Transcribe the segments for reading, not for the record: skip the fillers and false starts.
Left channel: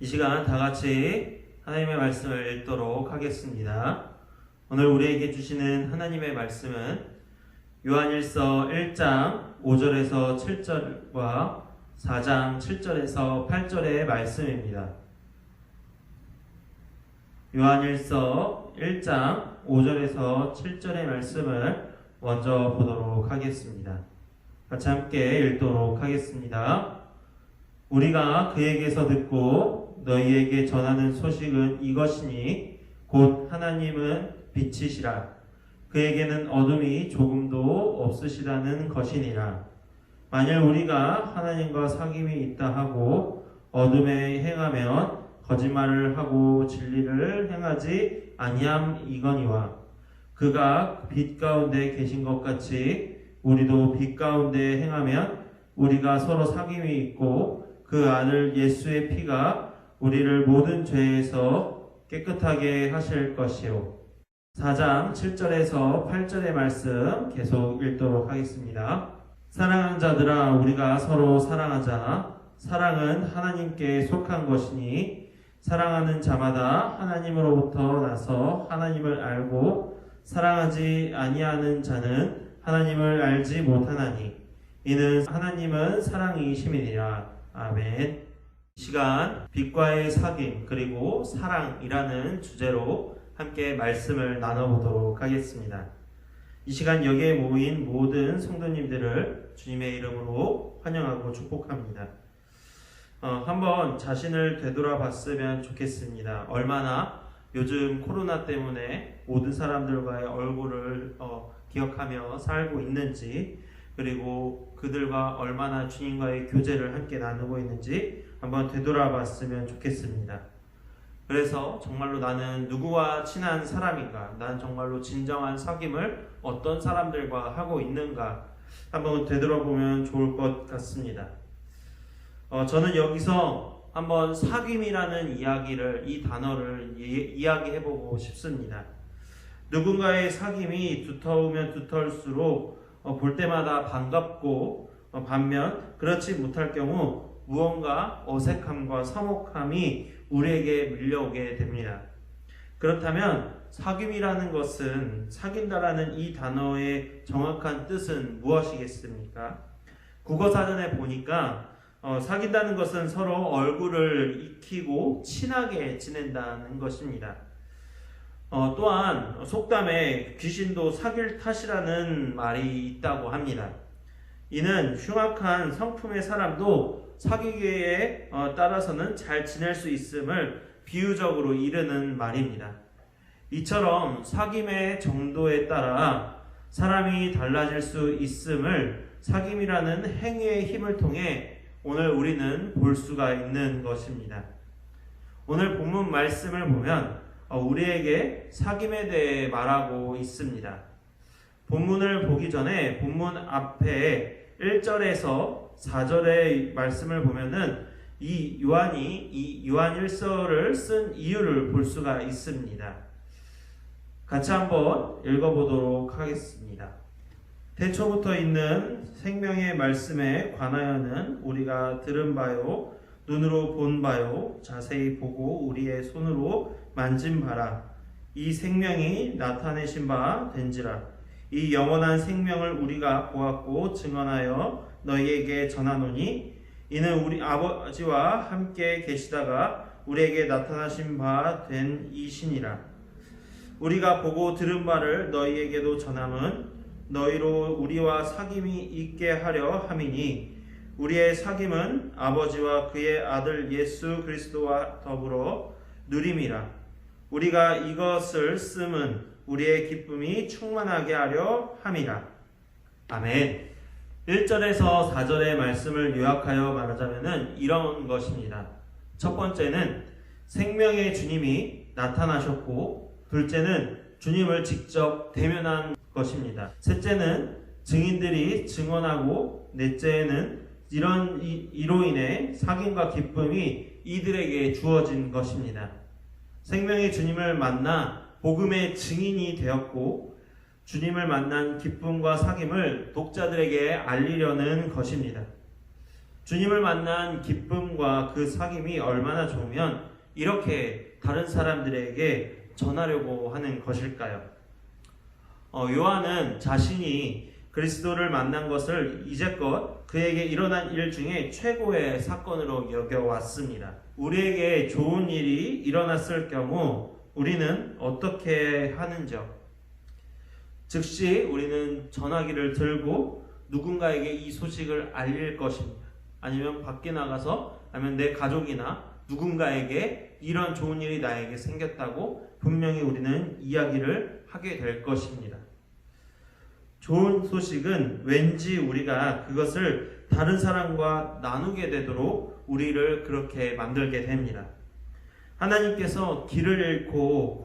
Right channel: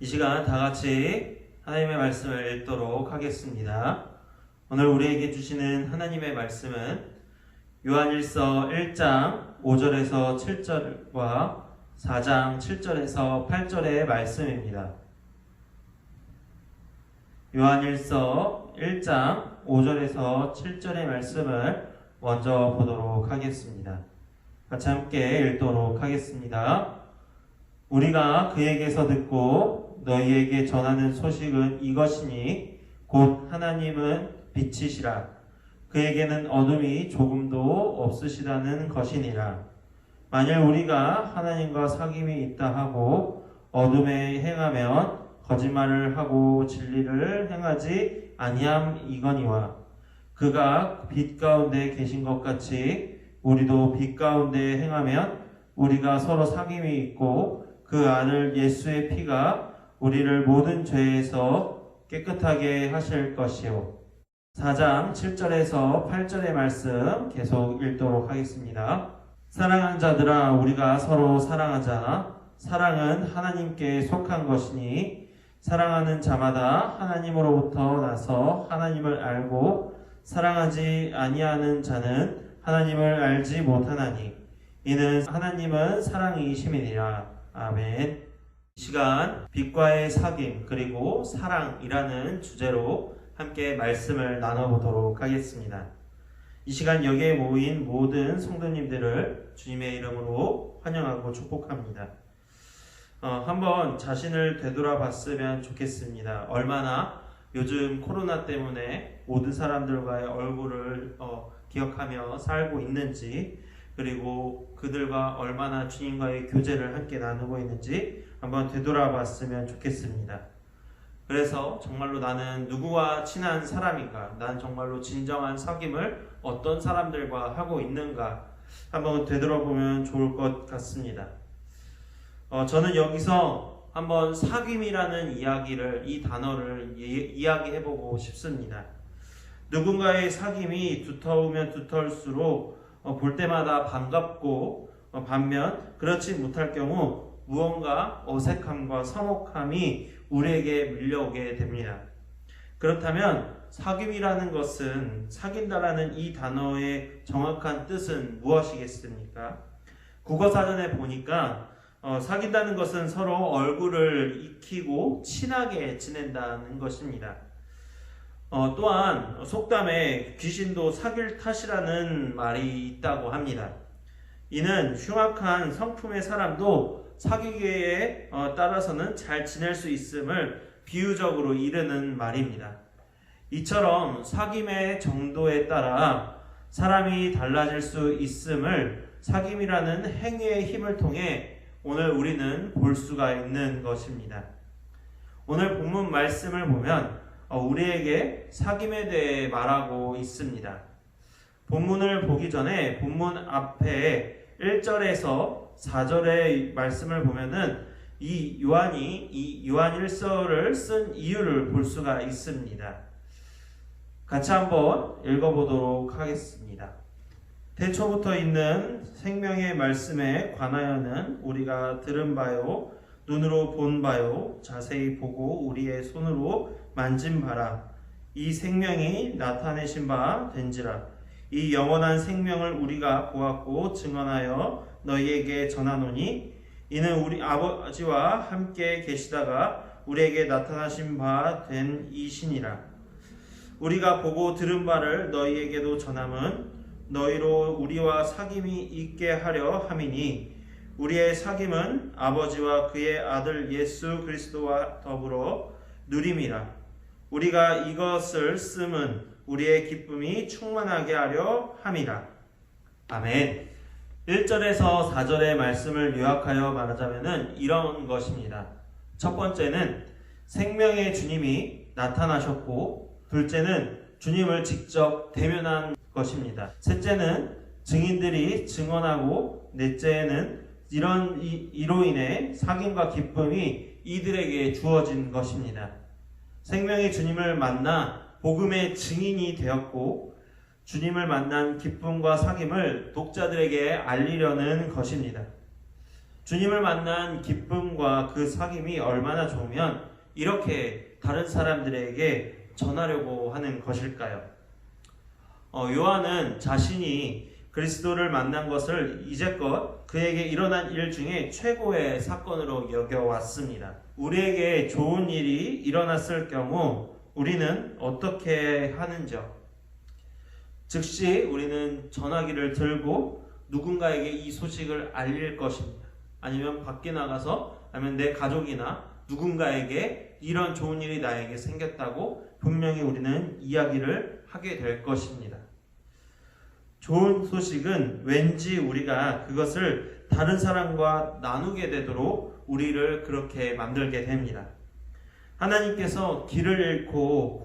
이 시간 다 같이 하나님의 말씀을 읽도록 하겠습니다. 오늘 우리에게 주시는 하나님의 말씀은 요한일서 1장 5절에서 7절과 4장 7절에서 8절의 말씀입니다. 요한일서 1장 5절에서 7절의 말씀을 먼저 보도록 하겠습니다. 같이 함께 읽도록 하겠습니다. 우리가 그에게서 듣고 너희에게 전하는 소식은 이것이니 곧 하나님은 빛이시라. 그에게는 어둠이 조금도 없으시다는 것이니라. 만일 우리가 하나님과 사귐이 있다 하고 어둠에 행하면 거짓말을 하고 진리를 행하지 아니함이거니와 그가 빛 가운데 계신 것 같이 우리도 빛 가운데 행하면 우리가 서로 사귐이 있고 그 아들 예수의 피가 우리를 모든 죄에서 깨끗하게 하실 것이요. 4장 7절에서 8절의 말씀 계속 읽도록 하겠습니다. 사랑하는 자들아, 우리가 서로 사랑하자. 사랑은 하나님께 속한 것이니 사랑하는 자마다 하나님으로부터 나서 하나님을 알고 사랑하지 아니하는 자는 하나님을 알지 못하나니 이는 하나님은 사랑이심이니라. 아멘. 이 시간 빛과의 사귐 그리고 사랑이라는 주제로 함께 말씀을 나눠보도록 하겠습니다. 이 시간 여기에 모인 모든 성도님들을 주님의 이름으로 환영하고 축복합니다. 한번 자신을 되돌아봤으면 좋겠습니다. 얼마나 요즘 코로나 때문에 모든 사람들과의 얼굴을 기억하며 살고 있는지, 그리고 그들과 얼마나 주님과의 교제를 함께 나누고 있는지 한번 되돌아봤으면 좋겠습니다. 그래서 정말로 나는 누구와 친한 사람인가, 난 정말로 진정한 사귐을 어떤 사람들과 하고 있는가 한번 되돌아보면 좋을 것 같습니다. 저는 여기서 한번 사귐이라는 이 단어를 이야기해보고 싶습니다. 누군가의 사귐이 두터우면 두터울수록 볼 때마다 반갑고 반면 그렇지 못할 경우 무언가 어색함과 서먹함이 우리에게 밀려오게 됩니다. 그렇다면 사귐이라는 것은, 사귄다라는 이 단어의 정확한 뜻은 무엇이겠습니까? 국어사전에 보니까 사귄다는 것은 서로 얼굴을 익히고 친하게 지낸다는 것입니다. 또한 속담에 귀신도 사귈 탓이라는 말이 있다고 합니다. 이는 흉악한 성품의 사람도 사귀기에 따라서는 잘 지낼 수 있음을 비유적으로 이르는 말입니다. 이처럼 사귐의 정도에 따라 사람이 달라질 수 있음을 사귐이라는 행위의 힘을 통해 오늘 우리는 볼 수가 있는 것입니다. 오늘 본문 말씀을 보면 우리에게 사귐에 대해 말하고 있습니다. 본문을 보기 전에 본문 앞에 1절에서 4절의 말씀을 보면은 이 요한일서를 쓴 이유를 볼 수가 있습니다. 같이 한번 읽어보도록 하겠습니다. 태초부터 있는 생명의 말씀에 관하여는 우리가 들은 바요, 눈으로 본 바요, 자세히 보고 우리의 손으로 만진 바라. 이 생명이 나타내신 바 된지라. 이 영원한 생명을 우리가 보았고 증언하여 너희에게 전하노니 이는 우리 아버지와 함께 계시다가 우리에게 나타나신 바 된 이시니라. 우리가 보고 들은 바를 너희에게도 전함은 너희로 우리와 사귐이 있게 하려 함이니 우리의 사귐은 아버지와 그의 아들 예수 그리스도와 더불어 누림이라. 우리가 이것을 씀은 우리의 기쁨이 충만하게 하려 함이라. 아멘. 1절에서 4절의 말씀을 요약하여 말하자면 이런 것입니다. 첫 번째는 생명의 주님이 나타나셨고, 둘째는 주님을 직접 대면한 것입니다. 셋째는 증인들이 증언하고, 넷째는 이로 인해 사귐과 기쁨이 이들에게 주어진 것입니다. 생명의 주님을 만나 복음의 증인이 되었고, 주님을 만난 기쁨과 사귐을 독자들에게 알리려는 것입니다. 주님을 만난 기쁨과 그 사귐이 얼마나 좋으면 이렇게 다른 사람들에게 전하려고 하는 것일까요? 요한은 자신이 그리스도를 만난 것을 이제껏 그에게 일어난 일 중에 최고의 사건으로 여겨왔습니다. 우리에게 좋은 일이 일어났을 경우 우리는 어떻게 하는지요? 즉시 우리는 전화기를 들고 누군가에게 이 소식을 알릴 것입니다. 아니면 밖에 나가서 아니면 내 가족이나 누군가에게 이런 좋은 일이 나에게 생겼다고 분명히 우리는 이야기를 하게 될 것입니다. 좋은 소식은 왠지 우리가 그것을 다른 사람과 나누게 되도록 우리를 그렇게 만들게 됩니다. 하나님께서 길을 잃고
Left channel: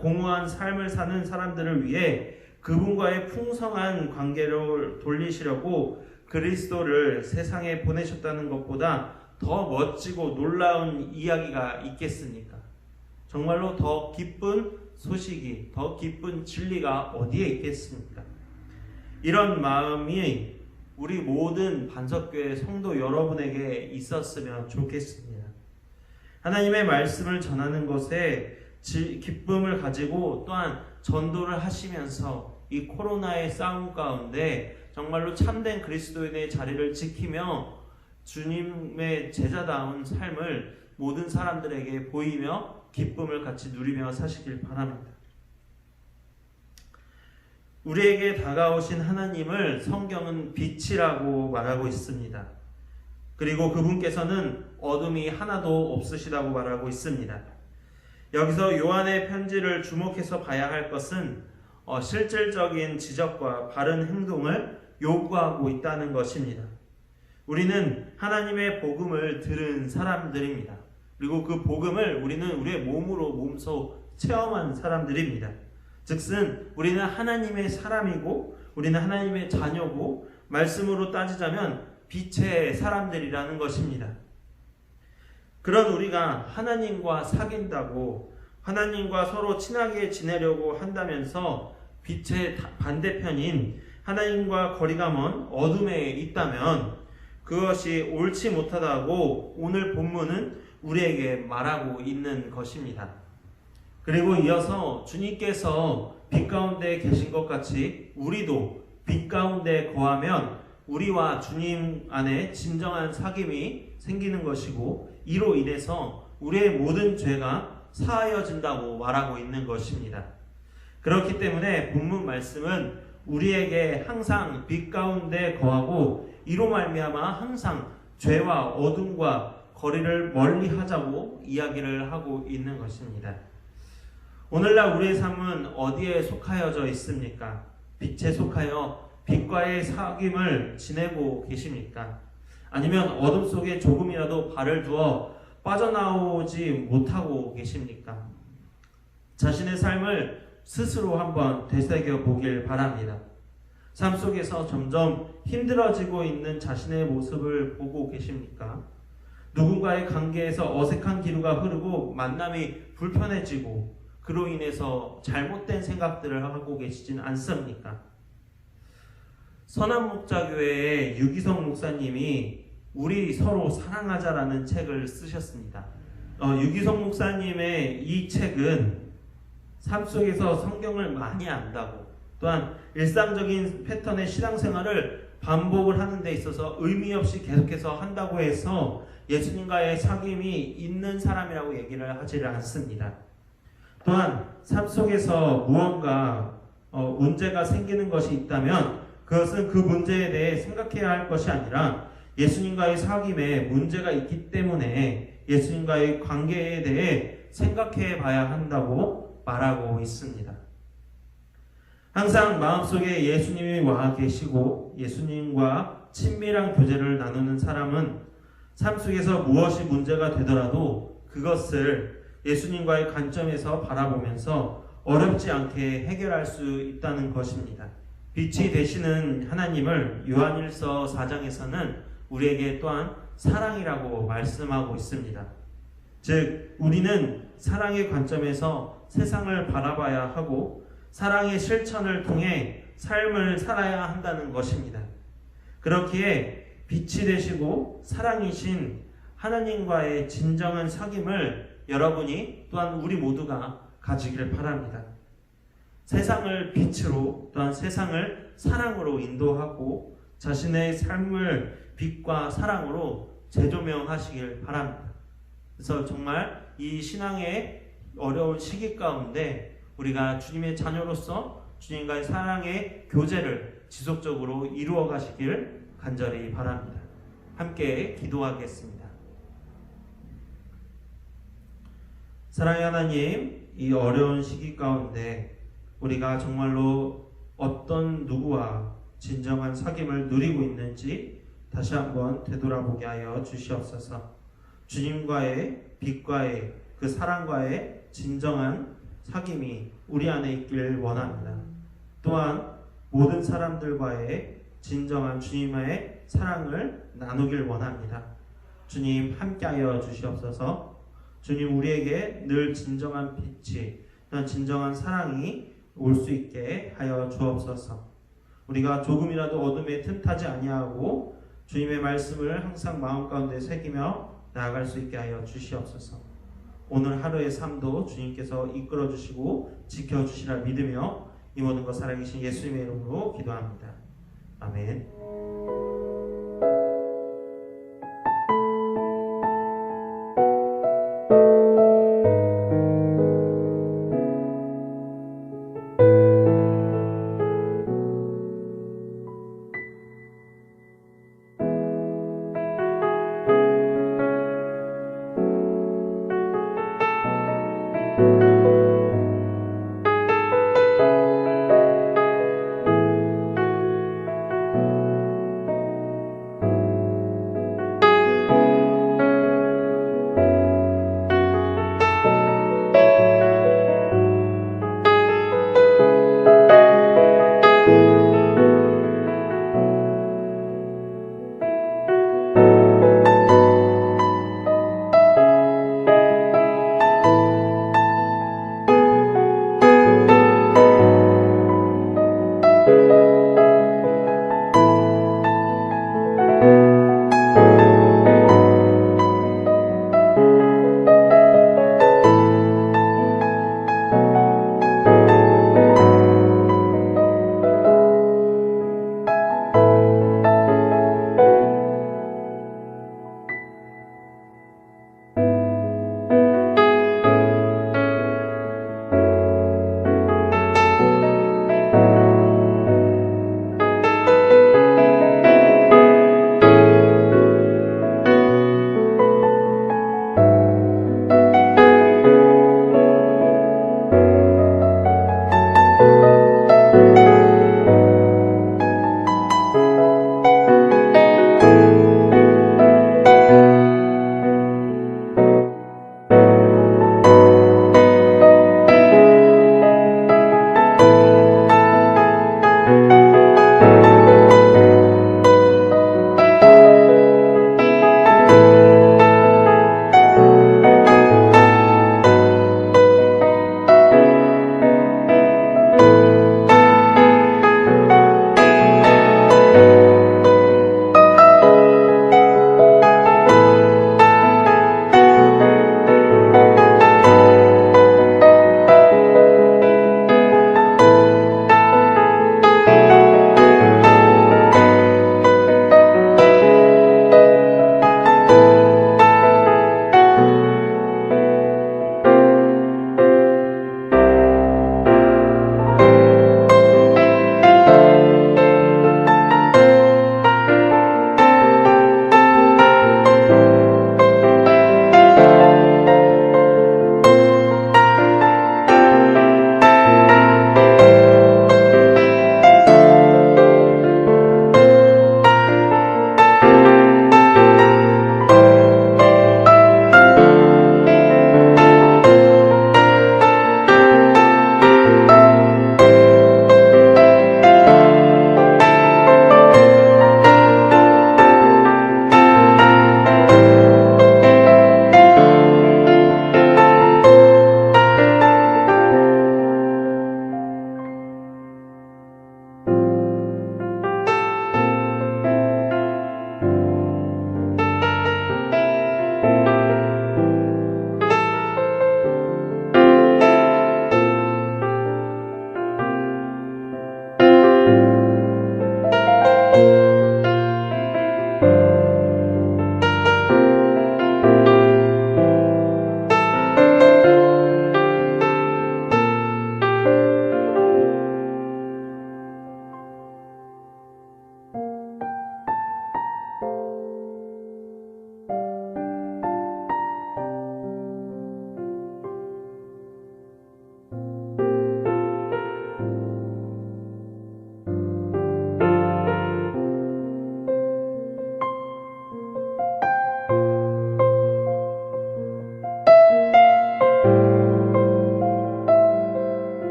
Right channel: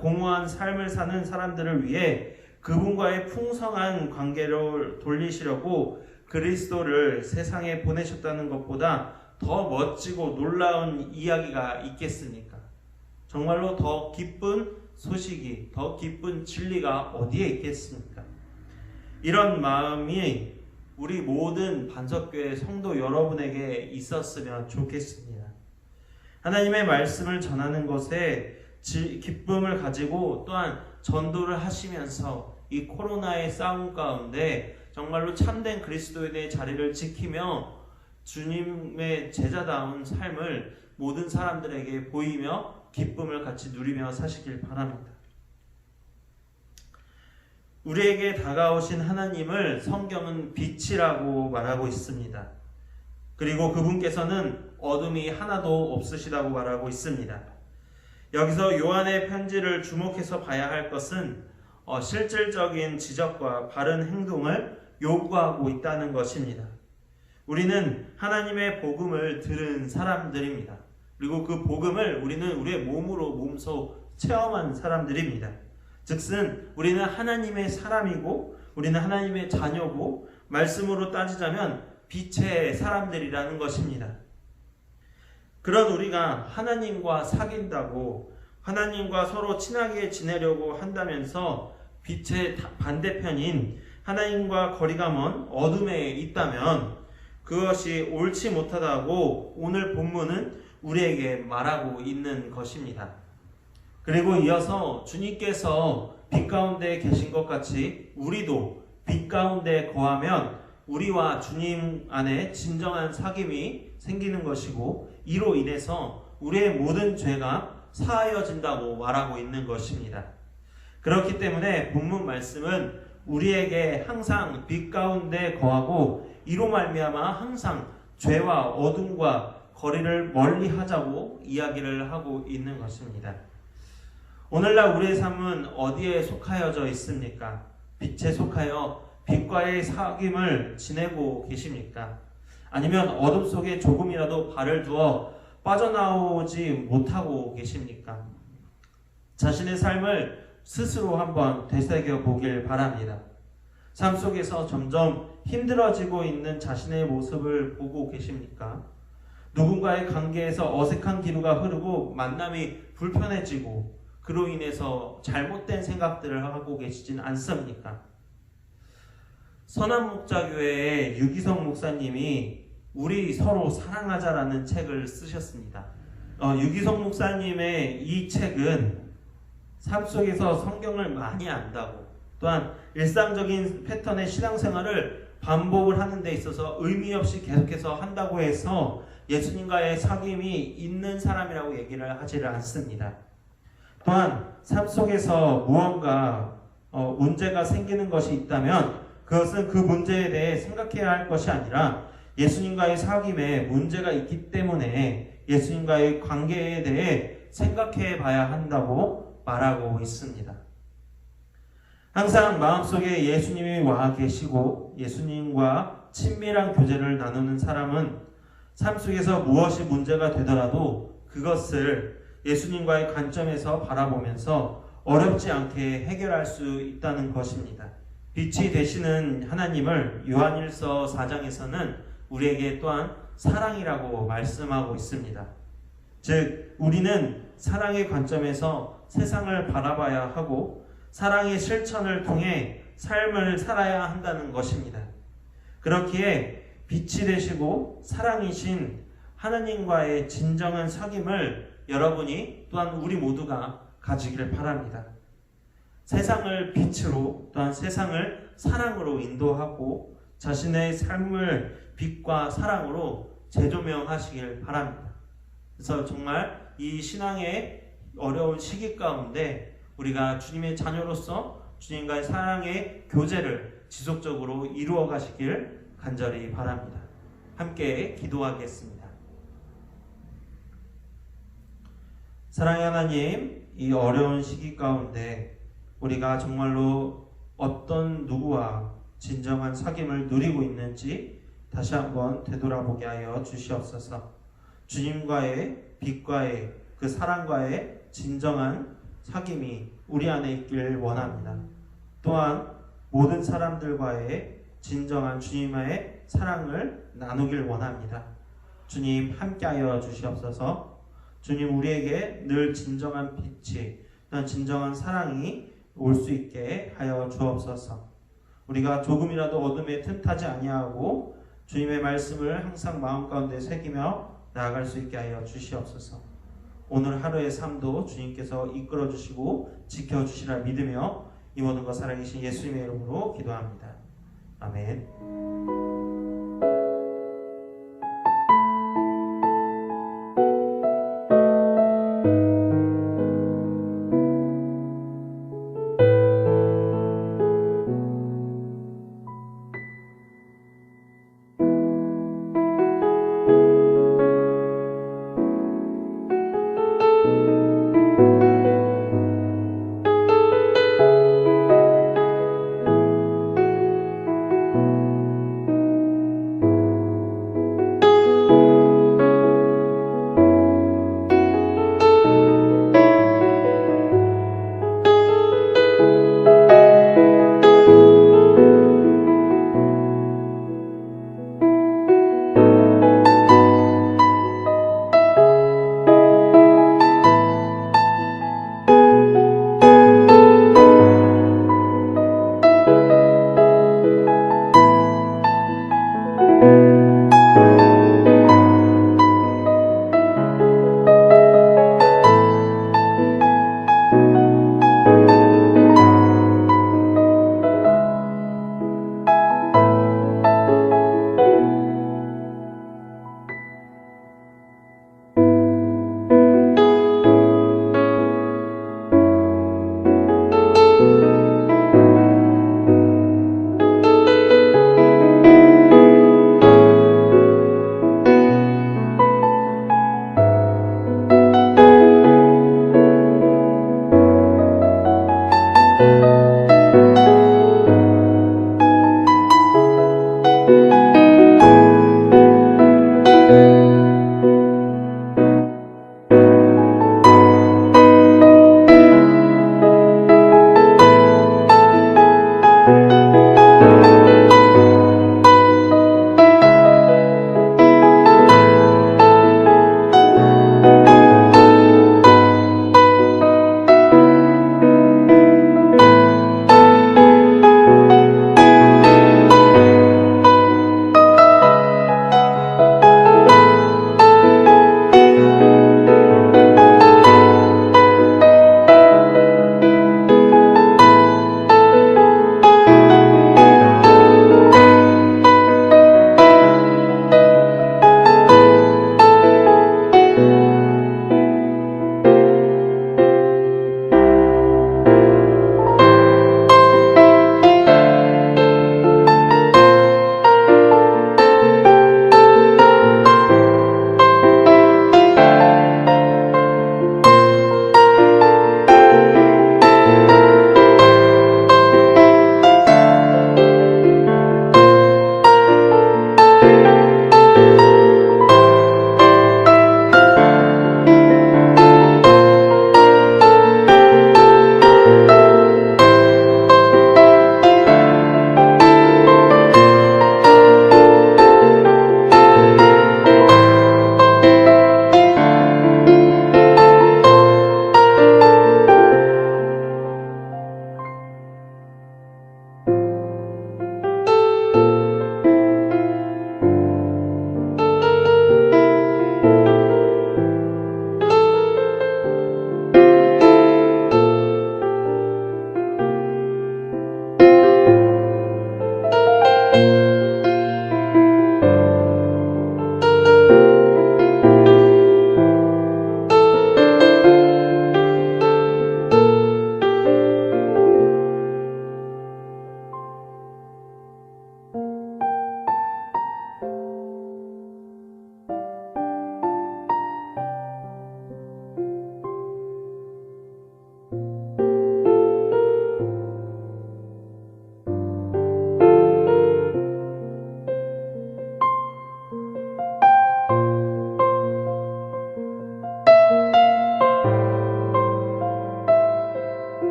공허한 삶을 사는 사람들을 위해 그분과의 풍성한 관계를 돌리시려고 그리스도를 세상에 보내셨다는 것보다 더 멋지고 놀라운 이야기가 있겠습니까? 정말로 더 기쁜 소식이, 더 기쁜 진리가 어디에 있겠습니까? 이런 마음이 우리 모든 반석교회 성도 여러분에게 있었으면 좋겠습니다. 하나님의 말씀을 전하는 것에 기쁨을 가지고 또한 전도를 하시면서 이 코로나의 싸움 가운데 정말로 참된 그리스도인의 자리를 지키며 주님의 제자다운 삶을 모든 사람들에게 보이며 기쁨을 같이 누리며 사시길 바랍니다. 우리에게 다가오신 하나님을 성경은 빛이라고 말하고 있습니다. 그리고 그분께서는 어둠이 하나도 없으시다고 말하고 있습니다. 여기서 요한의 편지를 주목해서 봐야 할 것은 실질적인 지적과 바른 행동을 요구하고 있다는 것입니다. 우리는 하나님의 복음을 들은 사람들입니다. 그리고 그 복음을 우리는 우리의 몸소 체험한 사람들입니다. 즉슨 우리는 하나님의 사람이고 우리는 하나님의 자녀고 말씀으로 따지자면 빛의 사람들이라는 것입니다. 그런 우리가 하나님과 사귄다고 하나님과 서로 친하게 지내려고 한다면서 빛의 반대편인 하나님과 거리가 먼 어둠에 있다면 그것이 옳지 못하다고 오늘 본문은 우리에게 말하고 있는 것입니다. 그리고 이어서 주님께서 빛 가운데 계신 것 같이 우리도 빛 가운데 거하면 우리와 주님 안에 진정한 사귐이 생기는 것이고 이로 인해서 우리의 모든 죄가 사하여진다고 말하고 있는 것입니다. 그렇기 때문에 본문 말씀은 우리에게 항상 빛 가운데 거하고 이로 말미암아 항상 죄와 어둠과 거리를 멀리 하자고 이야기를 하고 있는 것입니다. 오늘날 우리의 삶은 어디에 속하여져 있습니까? 빛에 속하여 빛과의 사귐을 지내고 계십니까? 아니면 어둠 속에 조금이라도 발을 두어 빠져나오지 못하고 계십니까? 자신의 삶을 스스로 한번 되새겨 보길 바랍니다. 삶 속에서 점점 힘들어지고 있는 자신의 모습을 보고 계십니까? 누군가의 관계에서 어색한 기류가 흐르고 만남이 불편해지고 그로 인해서 잘못된 생각들을 하고 계시진 않습니까? 선한목자교회의 유기성 목사님이 우리 서로 사랑하자라는 책을 쓰셨습니다. 유기성 목사님의 이 책은 삶 속에서 성경을 많이 안다고 또한 일상적인 패턴의 신앙생활을 반복을 하는 데 있어서 의미 없이 계속해서 한다고 해서 예수님과의 사귐이 있는 사람이라고 얘기를 하지를 않습니다. 또한 삶 속에서 무언가 문제가 생기는 것이 있다면 그것은 그 문제에 대해 생각해야 할 것이 아니라 예수님과의 사귐에 문제가 있기 때문에 예수님과의 관계에 대해 생각해 봐야 한다고 말하고 있습니다. 항상 마음속에 예수님이 와 계시고 예수님과 친밀한 교제를 나누는 사람은 삶 속에서 무엇이 문제가 되더라도 그것을 예수님과의 관점에서 바라보면서 어렵지 않게 해결할 수 있다는 것입니다. 빛이 되시는 하나님을 요한일서 4장에서는 우리에게 또한 사랑이라고 말씀하고 있습니다. 즉 우리는 사랑의 관점에서 세상을 바라봐야 하고 사랑의 실천을 통해 삶을 살아야 한다는 것입니다. 그렇기에 빛이 되시고 사랑이신 하나님과의 진정한 사귐을 여러분이 또한 우리 모두가 가지기를 바랍니다. 세상을 빛으로 또한 세상을 사랑으로 인도하고 자신의 삶을 빛과 사랑으로 재조명하시길 바랍니다. 그래서 정말 이 신앙의 어려운 시기 가운데 우리가 주님의 자녀로서 주님과의 사랑의 교제를 지속적으로 이루어 가시길 간절히 바랍니다. 함께 기도하겠습니다. 사랑의 하나님, 이 어려운 시기 가운데 우리가 정말로 어떤 누구와 진정한 사귐을 누리고 있는지 다시 한번 되돌아보게 하여 주시옵소서. 주님과의 빛과의 그 사랑과의 진정한 사귐이 우리 안에 있길 원합니다. 또한 모든 사람들과의 진정한 주님의 사랑을 나누길 원합니다. 주님 함께하여 주시옵소서. 주님 우리에게 늘 진정한 빛이 또한 진정한 사랑이 올 수 있게 하여 주옵소서. 우리가 조금이라도 어둠에 틈타지 아니하고 주님의 말씀을 항상 마음 가운데 새기며 나아갈 수 있게 하여 주시옵소서. 오늘 하루의 삶도 주님께서 이끌어 주시고 지켜 주시라 믿으며 이 모든 것 살아계신 예수님의 이름으로 기도합니다. 아멘.